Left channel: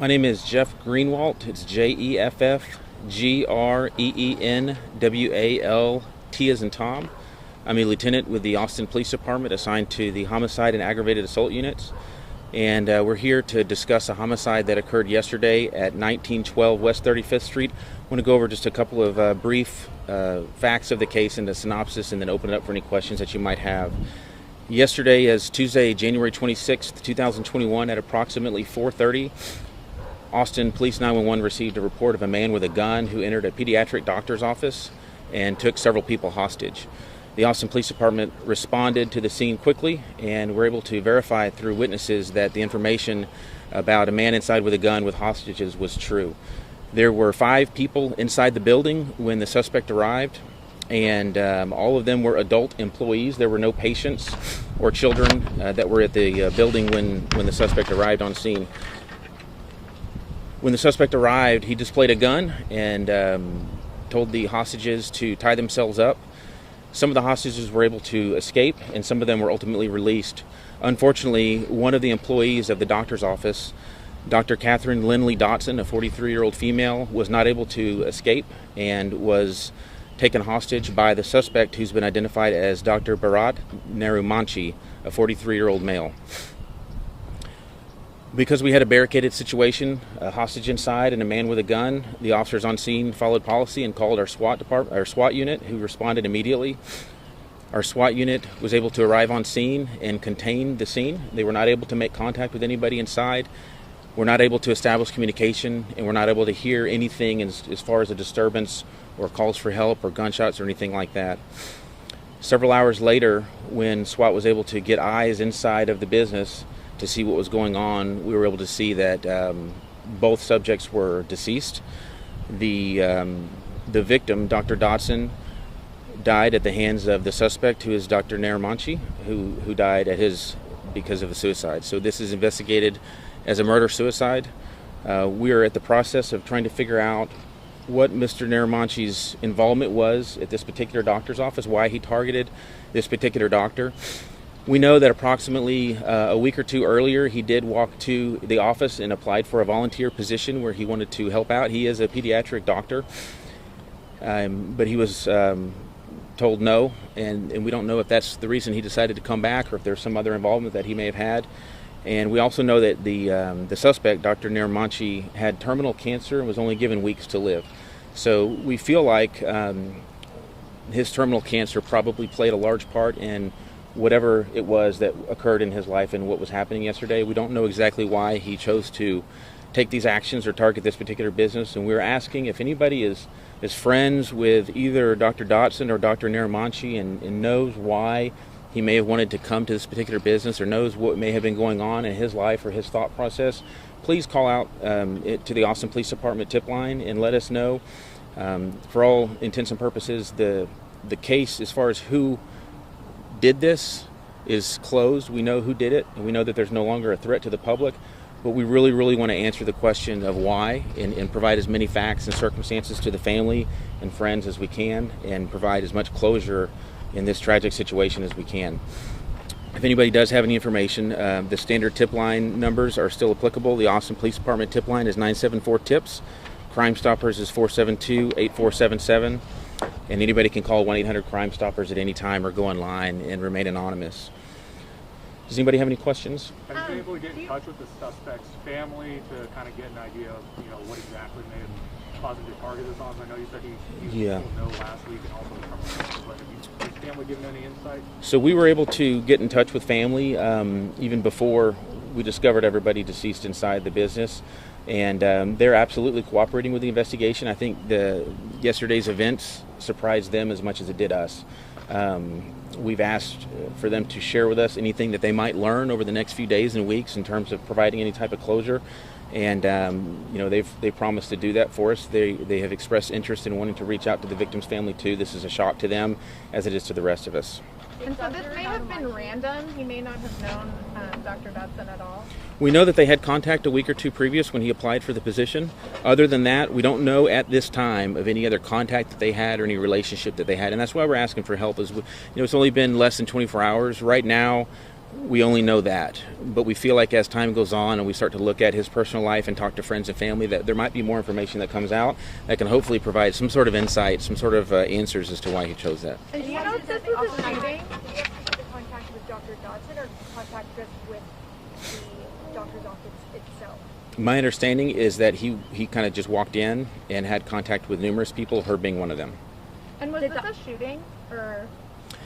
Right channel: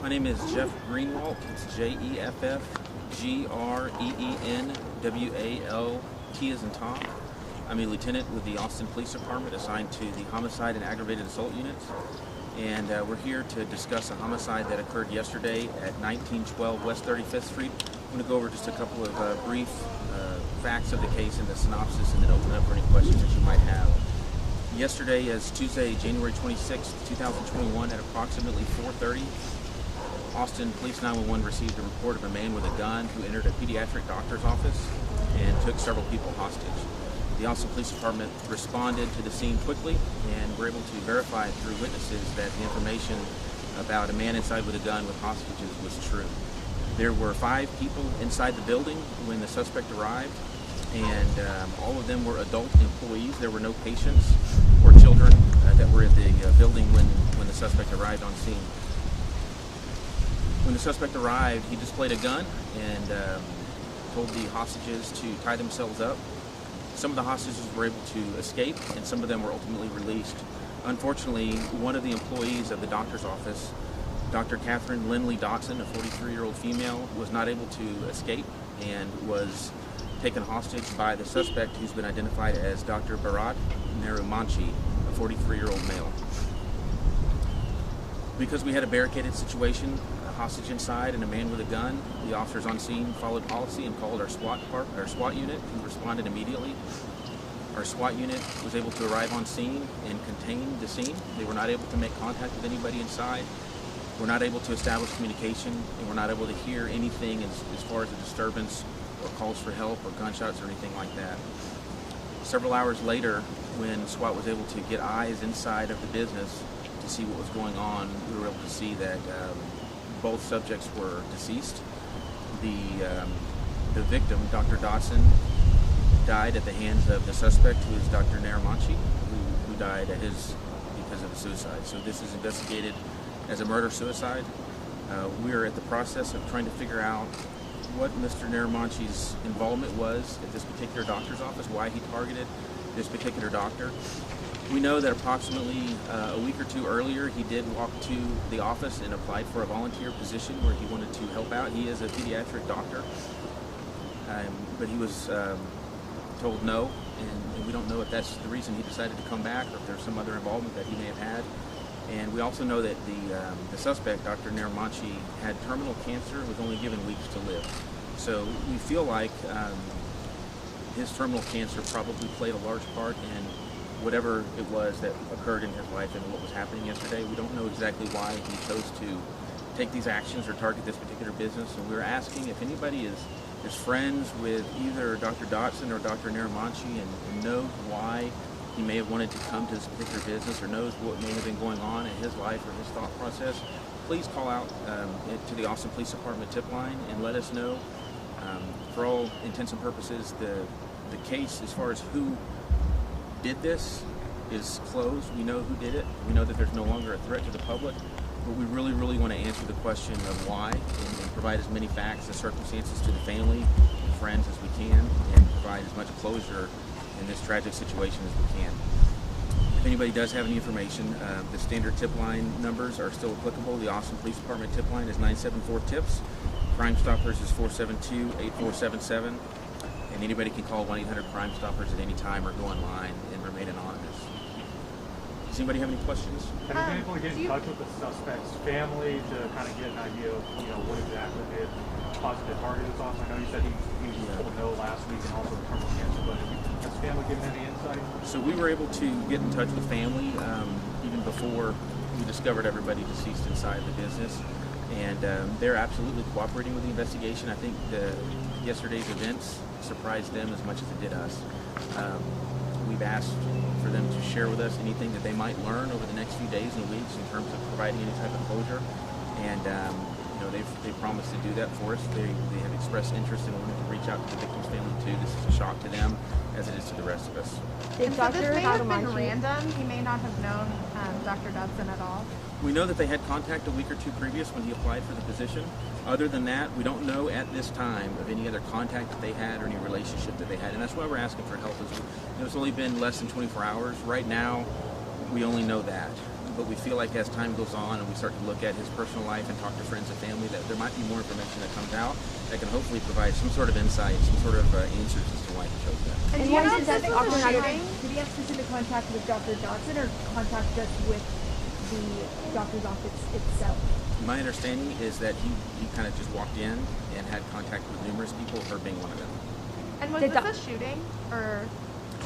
My name is Jeff Greenwalt. It's Jeffgreenwalt as in Tom. I'm a lieutenant with the Austin Police Department assigned to the homicide and aggravated assault units. And we're here to discuss a homicide that occurred yesterday at 1912 West 35th Street. I want to go over just a couple of brief facts of the case and a synopsis, and then open it up for any questions that you might have. Yesterday is Tuesday, January 26th, 2021 at approximately 4:30. Austin Police 911 received a report of a man with a gun who entered a pediatric doctor's office and took several people hostage. The Austin Police Department responded to the scene quickly and were able to verify through witnesses that the information about a man inside with a gun with hostages was true. There were 5 people inside the building when the suspect arrived, and all of them were adult employees. There were no patients or children that were at the building when the suspect arrived on scene. When the suspect arrived, he displayed a gun and told the hostages to tie themselves up. Some of the hostages were able to escape, and some of them were ultimately released. Unfortunately, one of the employees of the doctor's office, Dr. Katherine Lindley Dodson, a 43-year-old female, was not able to escape and was taken hostage by the suspect, who's been identified as Dr. Bharat Narumanchi, a 43-year-old male. Because we had a barricaded situation, a hostage inside and a man with a gun, the officers on scene followed policy and called our SWAT unit, who responded immediately. Our SWAT unit was able to arrive on scene and contain the scene. They were not able to make contact with anybody inside. We're not able to establish communication, and we're not able to hear anything as far as a disturbance or calls for help or gunshots or anything like that. Several hours later, when SWAT was able to get eyes inside of the business to see what was going on, we were able to see that both subjects were deceased. The victim, Dr. Dodson, died at the hands of the suspect, who is Dr. Narumanchi, who died because of a suicide. So this is investigated as a murder-suicide. We are at the process of trying to figure out what Mr. Narumanchi's involvement was at this particular doctor's office, why he targeted this particular doctor. We know that approximately a week or two earlier, he did walk to the office and applied for a volunteer position where he wanted to help out. He is a pediatric doctor, but he was told no, and we don't know if that's the reason he decided to come back or if there's some other involvement that he may have had. And we also know that the suspect, Dr. Narumanchi, had terminal cancer and was only given weeks to live. So we feel like his terminal cancer probably played a large part in whatever it was that occurred in his life and what was happening yesterday. We don't know exactly why he chose to take these actions or target this particular business, and we're asking if anybody is friends with either Dr. Dodson or Dr. Narumanchi and knows why he may have wanted to come to this particular business or knows what may have been going on in his life or his thought process, please call out to the Austin Police Department tip line and let us know. For all intents and purposes, the case as far as who did this is closed. We know who did it, and we know that there's no longer a threat to the public, but we really, really want to answer the question of why and provide as many facts and circumstances to the family and friends as we can, and provide as much closure in this tragic situation as we can. If anybody does have any information, the standard tip line numbers are still applicable. The Austin Police Department tip line is 974-TIPS. Crime Stoppers is 472-8477. And anybody can call 1-800-CRIME STOPPERS at any time or go online and remain anonymous. Does anybody have any questions? Have you been able to get in touch with the suspect's family to kind of get an idea of what exactly made him caused the target was on? I know you said he was told no last week and also but has family given any insight? So we were able to get in touch with family even before we discovered everybody deceased inside the business. And they're absolutely cooperating with the investigation. I think yesterday's events surprised them as much as it did us. We've asked for them to share with us anything that they might learn over the next few days and weeks in terms of providing any type of closure. And they've promised to do that for us. They have expressed interest in wanting to reach out to the victim's family too. This is a shock to them, as it is to the rest of us. So this may have been random. He may not have known Dr. Dodson at all. We know that they had contact a week or two previous when he applied for the position. Other than that, we don't know at this time of any other contact that they had or any relationship that they had, and that's why we're asking for help. It's only been less than 24 hours. Right now, We only know that. But we feel like as time goes on and we start to look at his personal life and talk to friends and family, that there might be more information that comes out that can hopefully provide some sort of insight, some sort of answers as to why he chose that. And do you know if this was a shooting? Did you have specific contact with Dr. Dodson or contact just with the doctor's office itself? My understanding is that he kind of just walked in and had contact with numerous people, her being one of them. And was this a shooting, or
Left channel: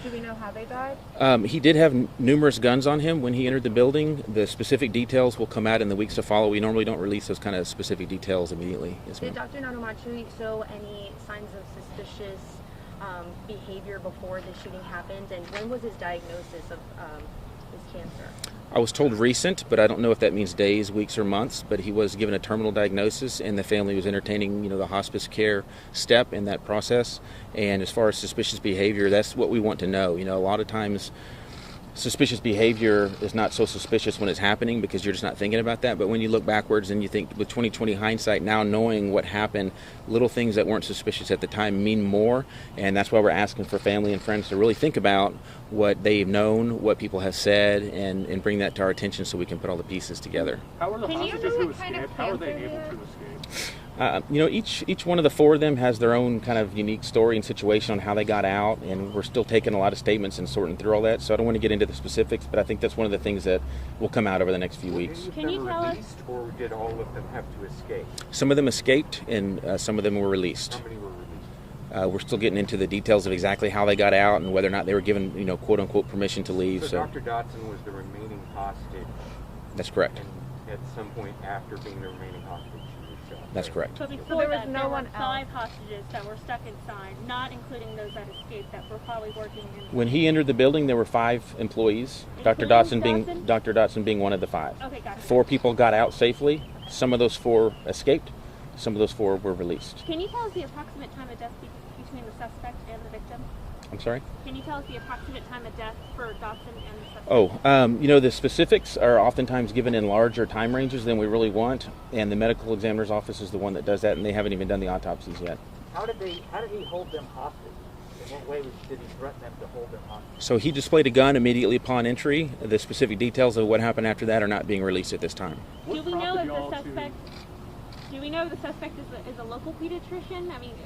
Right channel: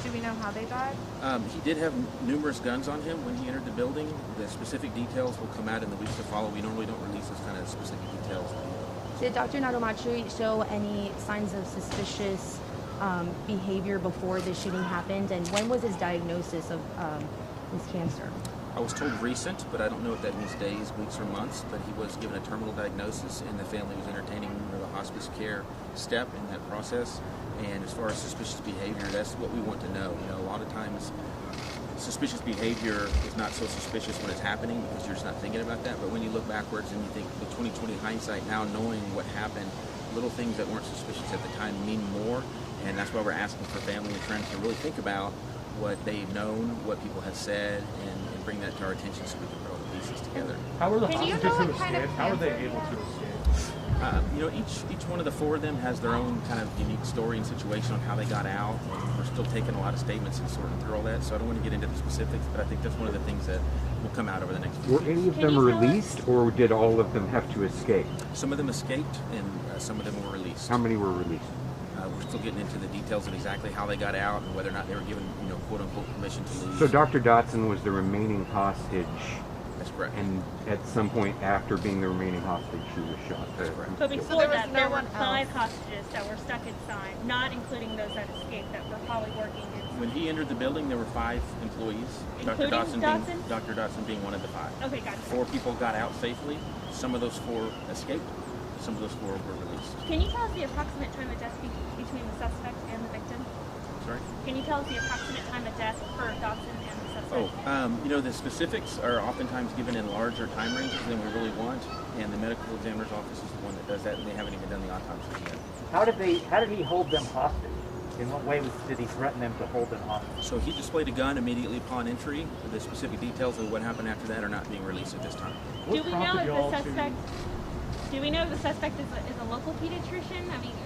do we know how they died? He did have numerous guns on him when he entered the building. The specific details will come out in the weeks to follow. We normally don't release those kind of specific details immediately. Did Dr. Narumanchi show any signs of suspicious behavior before the shooting happened? And when was his diagnosis of his cancer? I was told recent, but I don't know if that means days, weeks, or months. But he was given a terminal diagnosis, and the family was entertaining, the hospice care step in that process. And as far as suspicious behavior, that's what we want to know. A lot of times, suspicious behavior is not so suspicious when it's happening because you're just not thinking about that. But when you look backwards and you think with 20/20 hindsight, now knowing what happened, little things that weren't suspicious at the time mean more. And that's why we're asking for family and friends to really think about what they've known, what people have said, and bring that to our attention so we can put all the pieces together. How were the hostages who escaped? How were they able to escape? Each one of the four of them has their own kind of unique story and situation on how they got out, and we're still taking a lot of statements and sorting through all that, so I don't want to get into the specifics, but I think that's one of the things that will come out over the next few Were weeks. any of them released, or did all of them have to escape? Some of them escaped, and some of them were released. How many were released? We're still getting into the details of exactly how they got out and whether or not they were given, quote-unquote permission to leave. So Dr. Dodson was the remaining hostage, That's correct. and at some point after being the remaining hostage, she was shot. That's correct. But So before there was that, no there were one 5 hostages that were stuck inside, not including those that escaped that were probably working inside. When he entered the building, there were 5 employees. Dr. Dodson being one of the 5. Okay, gotcha. 4 people got out safely. Some of those 4 escaped. Some of those 4 were released. Can you tell us the approximate time of death between the suspect and the victim? I'm sorry? Can you tell us the approximate time of death for Dodson and the suspect? The specifics are oftentimes given in larger time ranges than we really want, and the medical examiner's office is the one that does that, and they haven't even done the autopsies yet. How did he hold them hostage? In what way did he threaten them to hold them hostage? So he displayed a gun immediately upon entry. The specific details of what happened after that are not being released at this time. Do we know if the suspect? Do we know if the suspect is a local pediatrician? I mean,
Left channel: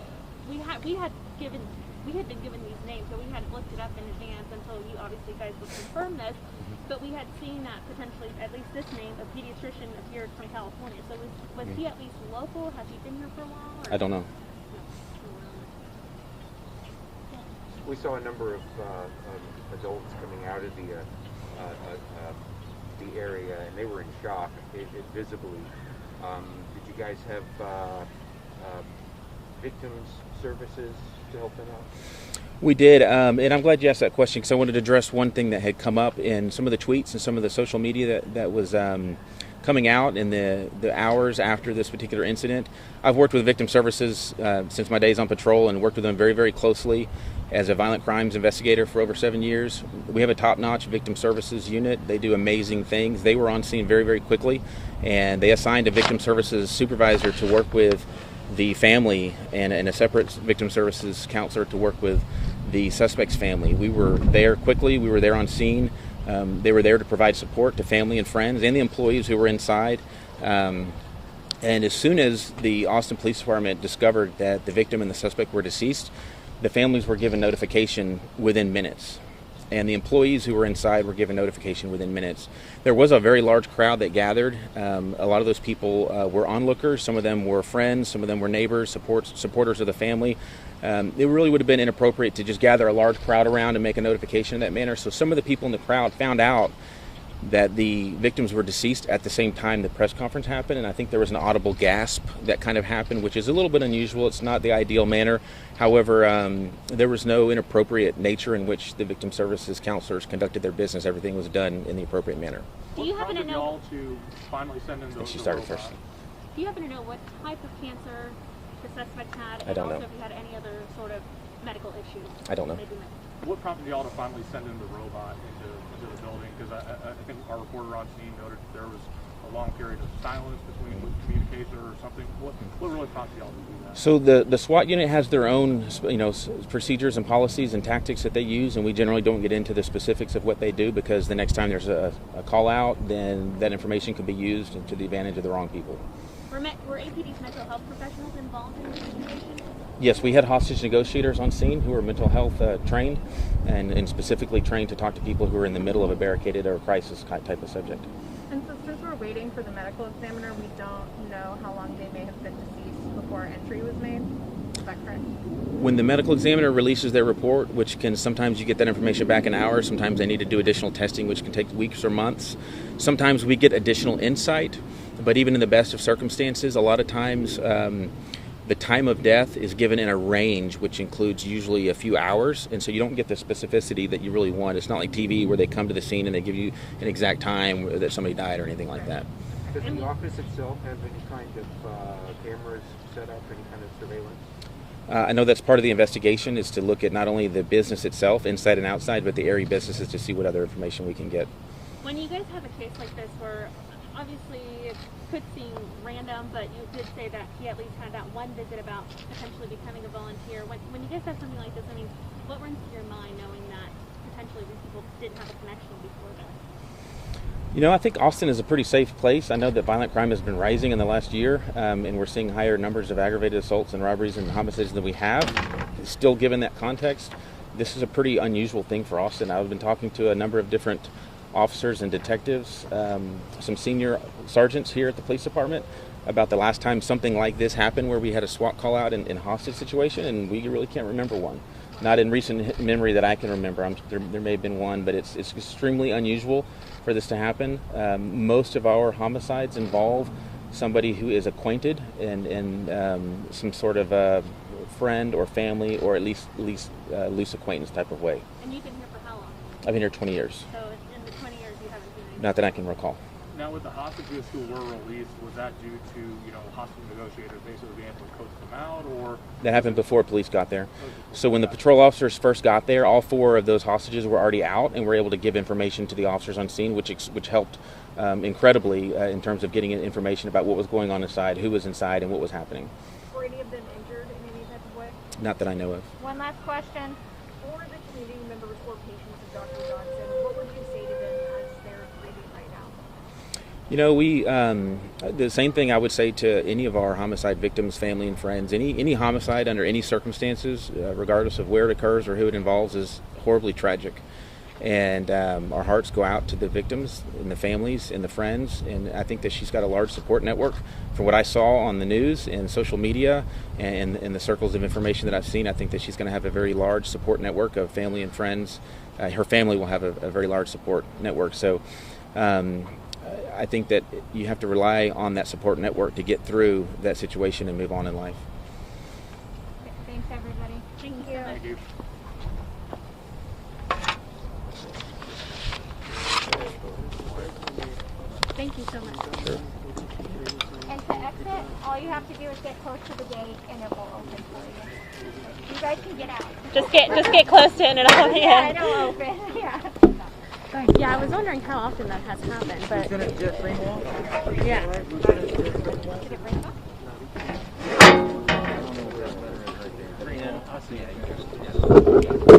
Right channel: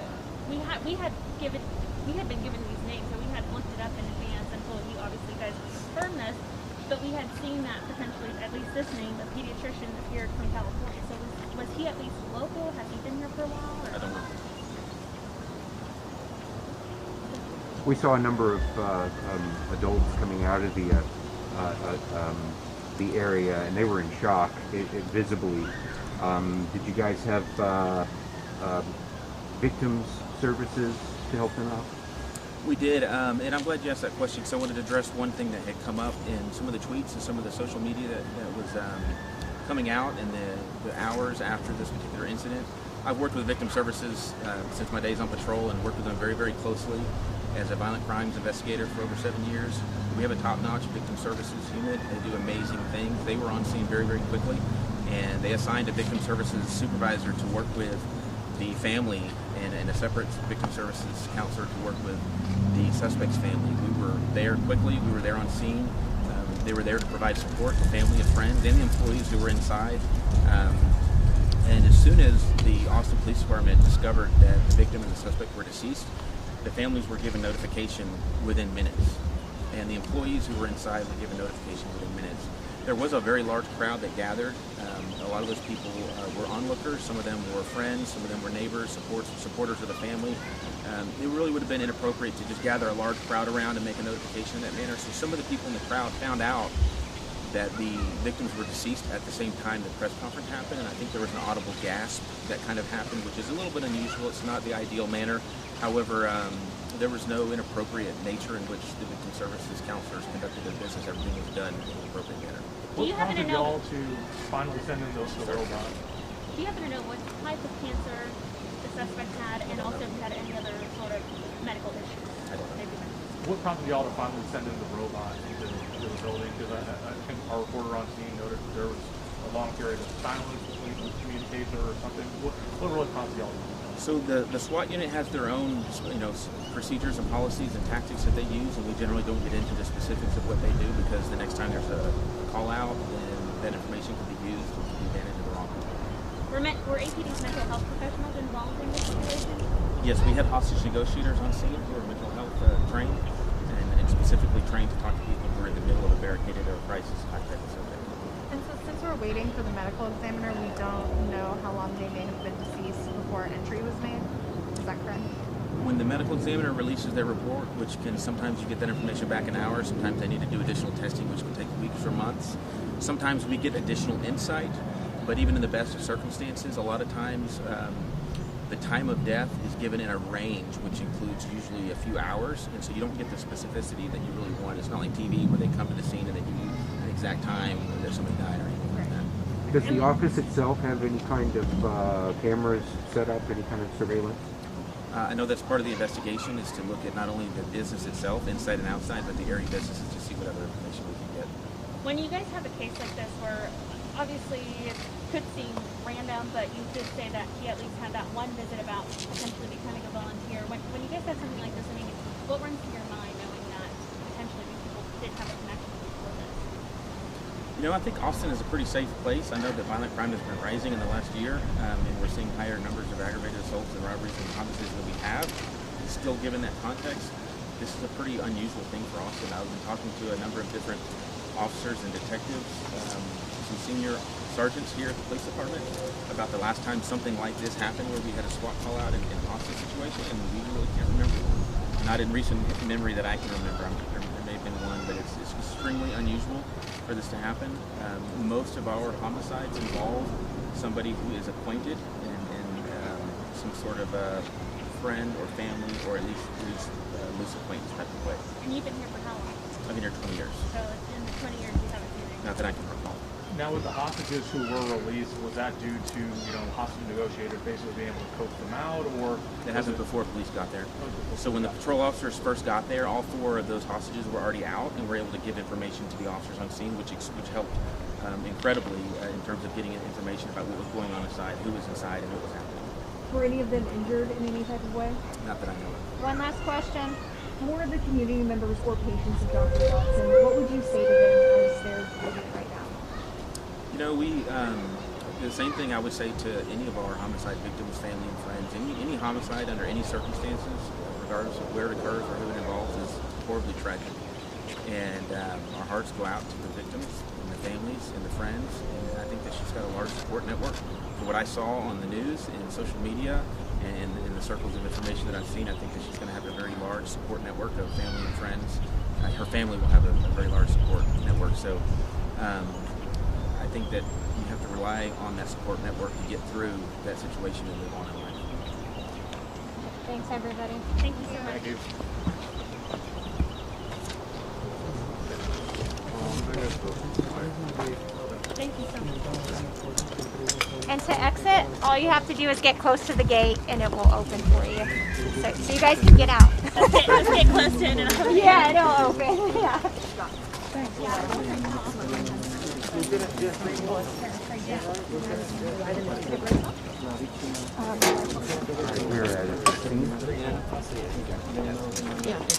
we had been given these names, so we had looked it up in advance until you obviously guys would confirm this. But we had seen that potentially, at least this name, a pediatrician appeared from California. So was he at least local? Has he been here for a while? Or? I don't know. We saw a number of adults coming out of the area, and they were in shock, visibly. Did you guys have victims services to help them out? We did, and I'm glad you asked that question because I wanted to address one thing that had come up in some of the tweets and some of the social media that was coming out in the hours after this particular incident. I've worked with victim services since my days on patrol and worked with them very, very closely as a violent crimes investigator for over 7 years. We have a top-notch victim services unit. They do amazing things. They were on scene very, very quickly, and they assigned a victim services supervisor to work with the family and a separate victim services counselor to work with the suspect's family. We were there quickly. We were there on scene. They were there to provide support to family and friends and the employees who were inside. And as soon as the Austin Police Department discovered that the victim and the suspect were deceased, the families were given notification within minutes. And the employees who were inside were given notification within minutes. There was a very large crowd that gathered. A lot of those people were onlookers. Some of them were friends. Some of them were neighbors, supporters of the family. It really would have been inappropriate to just gather a large crowd around and make a notification in that manner. So some of the people in the crowd found out that the victims were deceased at the same time the press conference happened, and I think there was an audible gasp that kind of happened, which is a little bit unusual. It's not the ideal manner. However, there was no inappropriate nature in which the victim services counselors conducted their business. Everything was done in the appropriate manner. What prompted y'all to finally send in the robot? Do you happen to know what type of cancer the suspect had, and also if he had any other sort of medical issues? I don't know. What prompted y'all to finally send in the robot into the building? Because I think our reporter on scene noted there was a a long period of silence between the communicator or something? What really prompts y'all to do that? So the SWAT unit has their own, procedures and policies and tactics that they use, and we generally don't get into the specifics of what they do because the next time there's a call out, then that information could be used to the advantage of the wrong people. Were APD's mental health professionals involved in this situation? Yes, we had hostage negotiators on scene who are mental health trained and specifically trained to talk to people who are in the middle of a barricaded or crisis type of subject. And so since we're waiting for the medical examiner, we don't know how long they may have been deceased before entry was made. Is that correct? When the medical examiner releases their report, which can sometimes you get that information back in hours, sometimes they need to do additional testing, which can take weeks or months. Sometimes we get additional insight, but even in the best of circumstances, a lot of times the time of death is given in a range, which includes usually a few hours, and so you don't get the specificity that you really want. It's not like TV where they come to the scene and they give you an exact time that somebody died or anything like that. Does the office itself have any kind of cameras set up, any kind of surveillance? I know that's part of the investigation is to look at not only the business itself, inside and outside, but the area businesses to see what other information we can get. When you guys have a case like this where obviously it could seem random, but you did say that he at least had that one visit about potentially becoming a volunteer. When you guys have something like this, I mean, what runs through your mind knowing that potentially these people did have a connection before this? I think Austin is a pretty safe place. I know that violent crime has been rising in the last year, and we're seeing higher numbers of aggravated assaults and robberies and homicides than we have. Still, given that context, this is a pretty unusual thing for Austin. I've been talking to a number of different officers and detectives, some senior sergeants here at the police department, about the last time something like this happened where we had a SWAT call out in a hostage situation, and we really can't remember one. Not in recent memory that I can remember. There may have been one, but it's extremely unusual for this to happen. Most of our homicides involve somebody who is acquainted and some sort of a friend or family, or at least loose acquaintance type of way. And you've been here for how long? I've been here 20 years. So in the 20 years you haven't seen anything? Not that I can recall. Now, with the hostages who were released, was that due to, hostage negotiators basically being able to coax them out, or? That happened before police got there. So when the patrol officers first got there, all 4 of those hostages were already out and were able to give information to the officers on scene, which helped incredibly in terms of getting information about what was going on inside, who was inside, and what was happening. Were any of them injured in any type of way? Not that I know of. One last question. For the community members or patients of Dr. Dodson, what would you say to them as they're living right now? We the same thing I would say to any of our homicide victims, family and friends. Any homicide under any circumstances, regardless of where it occurs or who it involves, is horribly tragic. And our hearts go out to the victims and the families and the friends. And I think that she's got a large support network. From what I saw on the news and social media and the circles of information that I've seen, I think that she's going to have a very large support network of family and friends. Her family will have a very large support network. So I think that you have to rely on that support network to get through that situation and move on in life. Thanks, everybody. Thank you so much. Thank you. Thank you so much. And to exit, all you have to do is get close to the gate, and it will open for you. So you guys can get out. Just get close to it and it'll Yeah, it'll open. Yeah. Yeah, I was wondering how often that has happened, but yeah. We're at a scene.